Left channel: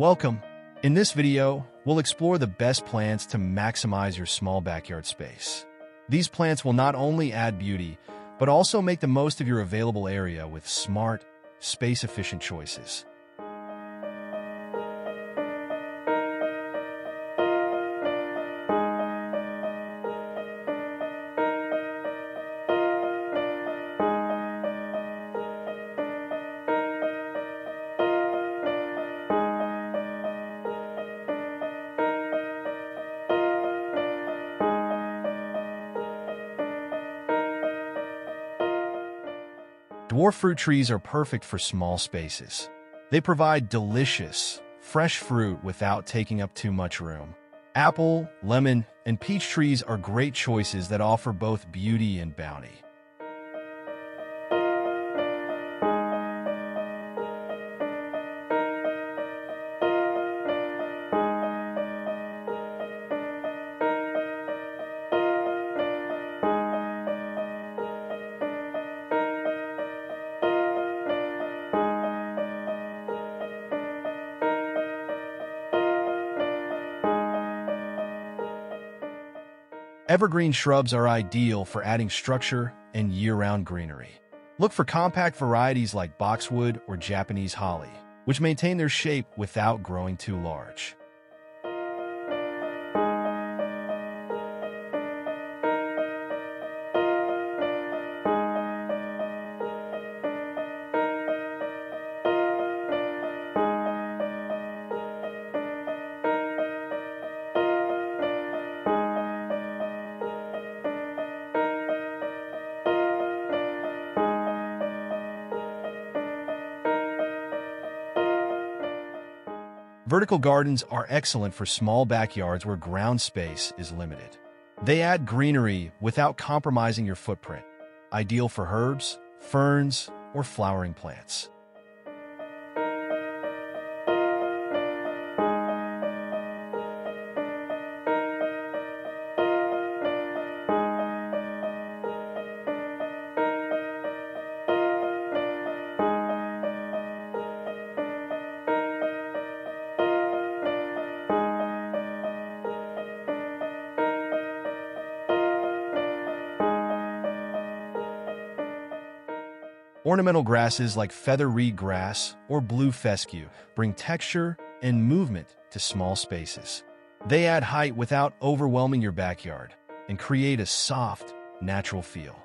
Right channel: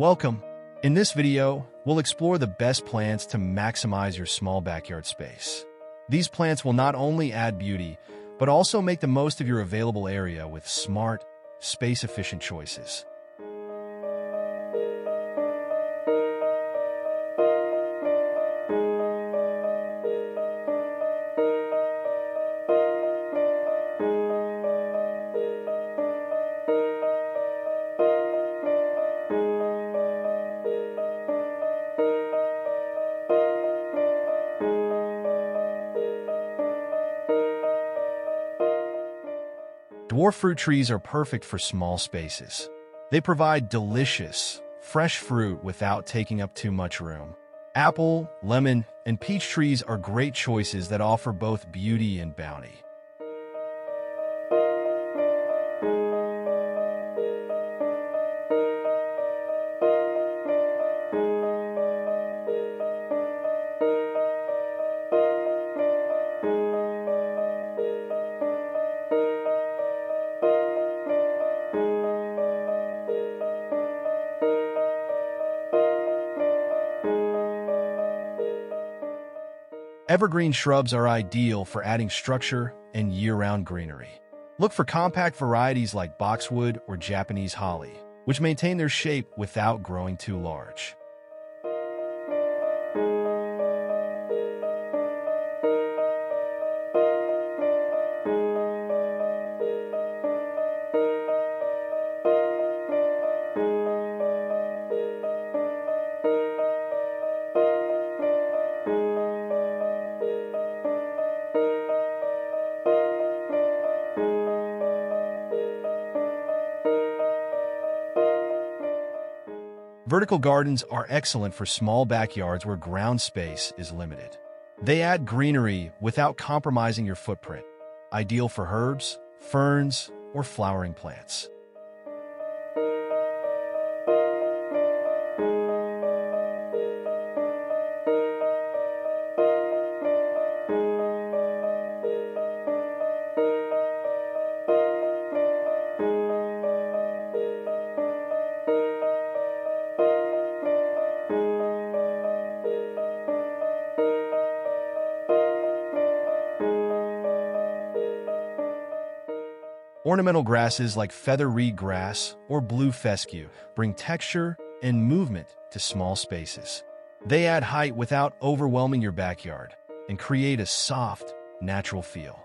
Welcome. In this video, we'll explore the best plants to maximize your small backyard space. These plants will not only add beauty, but also make the most of your available area with smart, space-efficient choices. Dwarf fruit trees are perfect for small spaces. They provide delicious, fresh fruit without taking up too much room. Apple, lemon, and peach trees are great choices that offer both beauty and bounty. Evergreen shrubs are ideal for adding structure and year-round greenery. Look for compact varieties like boxwood or Japanese holly, which maintain their shape without growing too large. Vertical gardens are excellent for small backyards where ground space is limited. They add greenery without compromising your footprint, ideal for herbs, ferns, or flowering plants. Ornamental grasses like feather reed grass or blue fescue bring texture and movement to small spaces. They add height without overwhelming your backyard and create a soft, natural feel.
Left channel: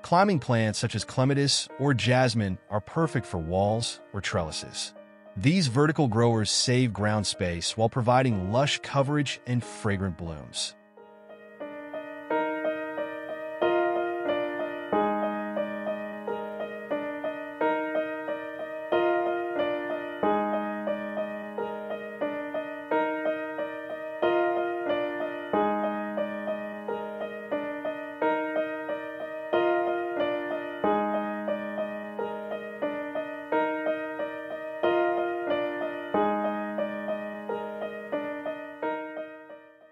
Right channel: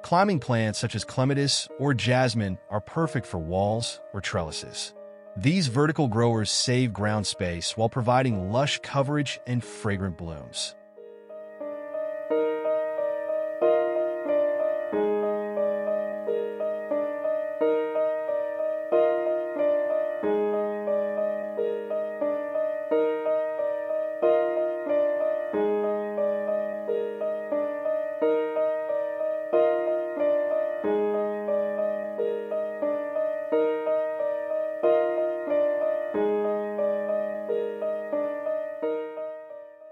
Climbing plants such as clematis or jasmine are perfect for walls or trellises. These vertical growers save ground space while providing lush coverage and fragrant blooms.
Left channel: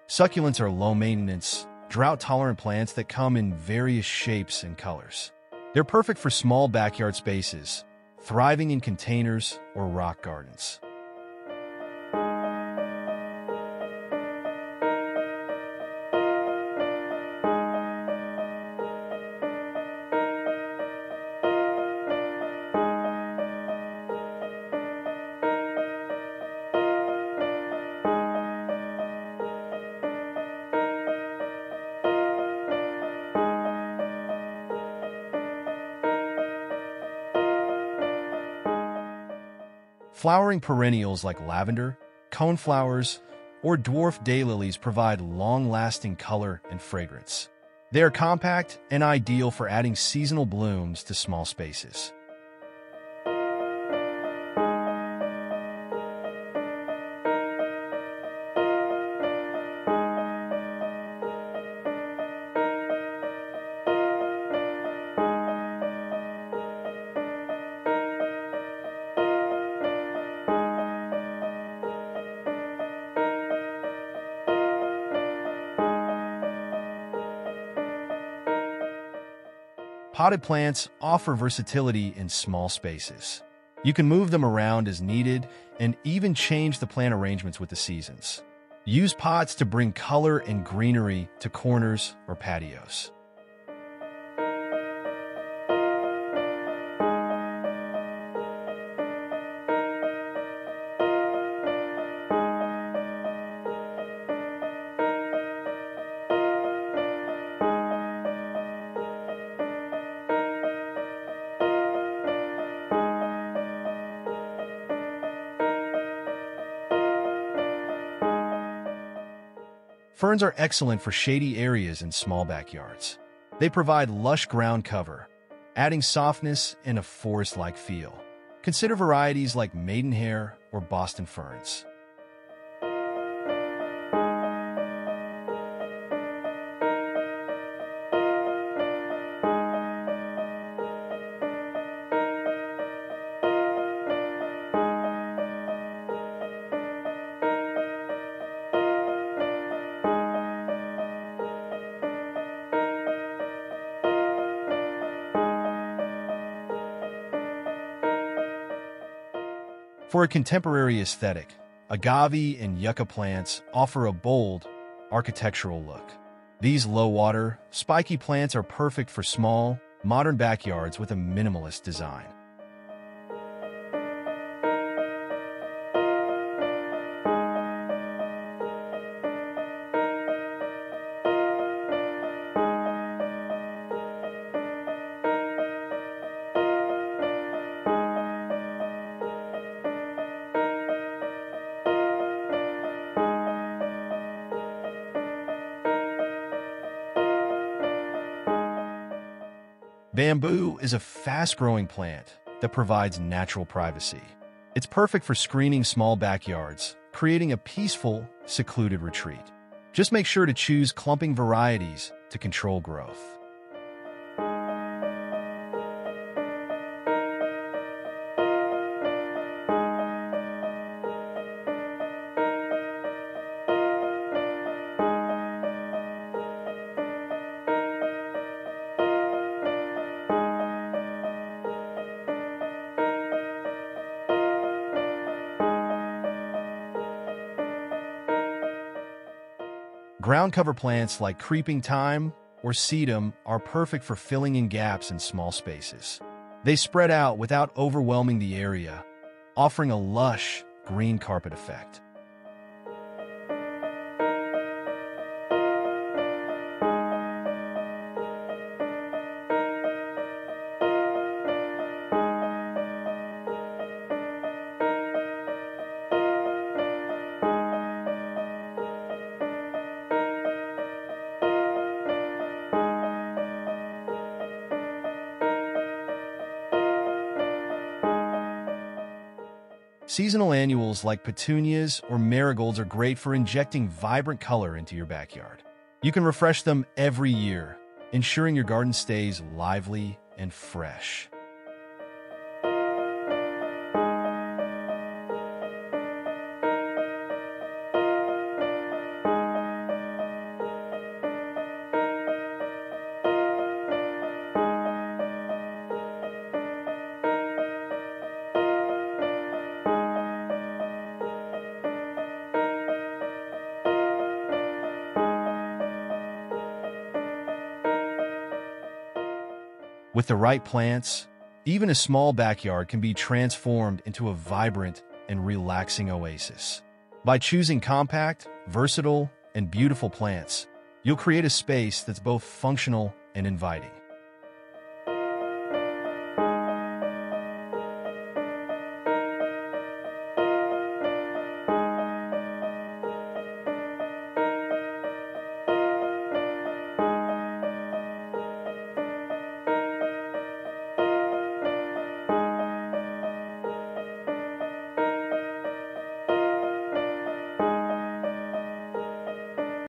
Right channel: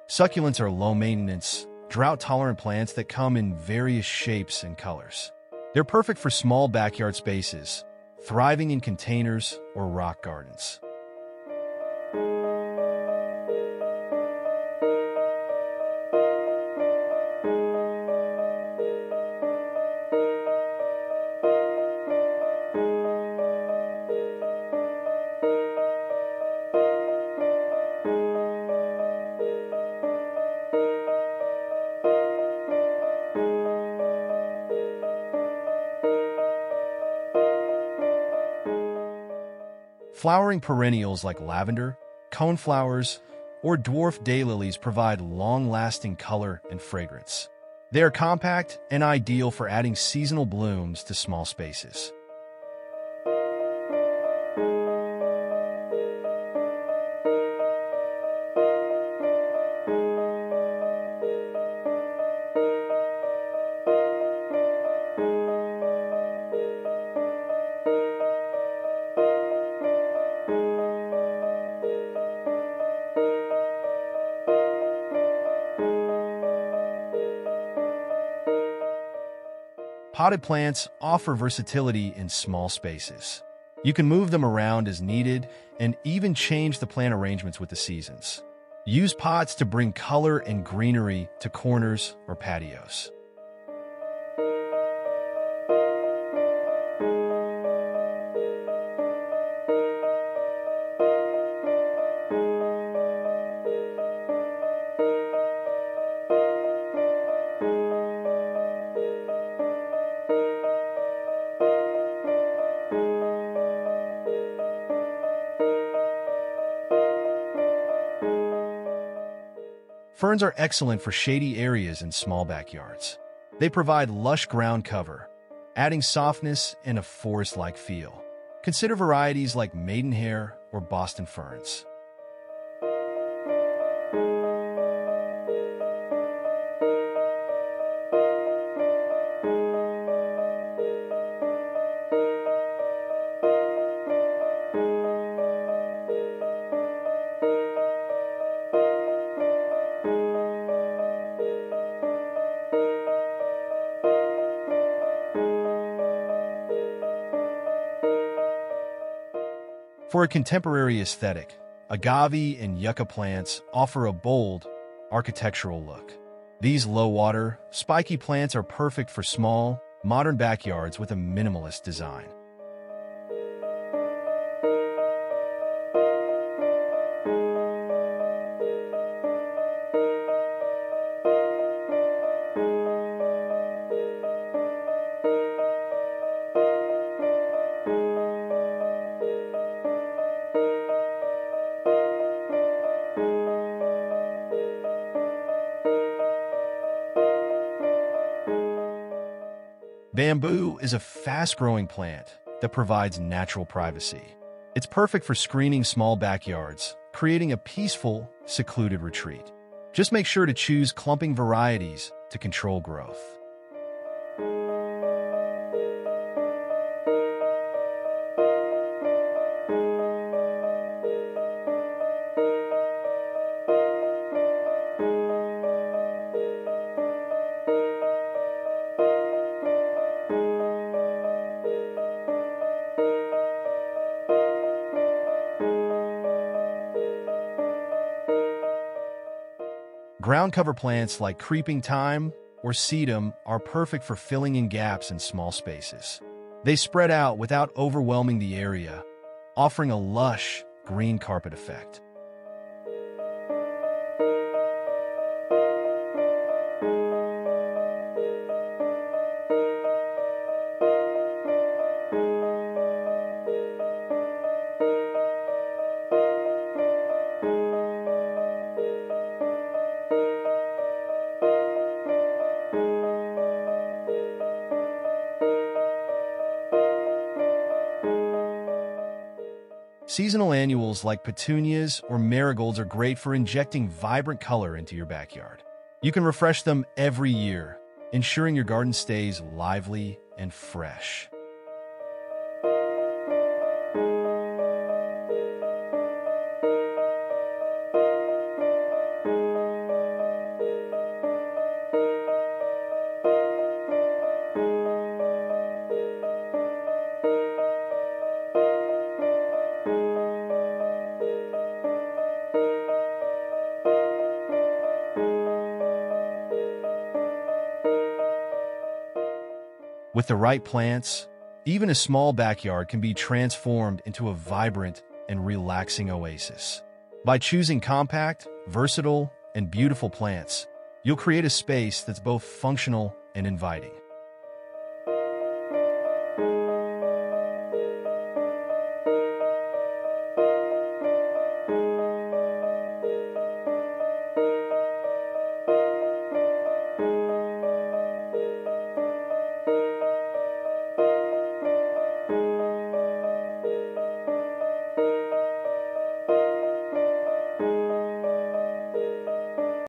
Succulents are low-maintenance, drought-tolerant plants that come in various shapes and colors. They're perfect for small backyard spaces, thriving in containers or rock gardens. Flowering perennials like lavender, coneflowers, or dwarf daylilies provide long-lasting color and fragrance. They are compact and ideal for adding seasonal blooms to small spaces. Potted plants offer versatility in small spaces. You can move them around as needed and even change the plant arrangements with the seasons. Use pots to bring color and greenery to corners or patios. Ferns are excellent for shady areas in small backyards. They provide lush ground cover, adding softness and a forest-like feel. Consider varieties like maidenhair or Boston ferns. For a contemporary aesthetic, agave and yucca plants offer a bold, architectural look. These low-water, spiky plants are perfect for small, modern backyards with a minimalist design. Bamboo is a fast-growing plant that provides natural privacy. It's perfect for screening small backyards, creating a peaceful, secluded retreat. Just make sure to choose clumping varieties to control growth. Ground cover plants like creeping thyme or sedum are perfect for filling in gaps in small spaces. They spread out without overwhelming the area, offering a lush, green carpet effect. Seasonal annuals like petunias or marigolds are great for injecting vibrant color into your backyard. You can refresh them every year, ensuring your garden stays lively and fresh. With the right plants, even a small backyard can be transformed into a vibrant and relaxing oasis. By choosing compact, versatile, and beautiful plants, you'll create a space that's both functional and inviting.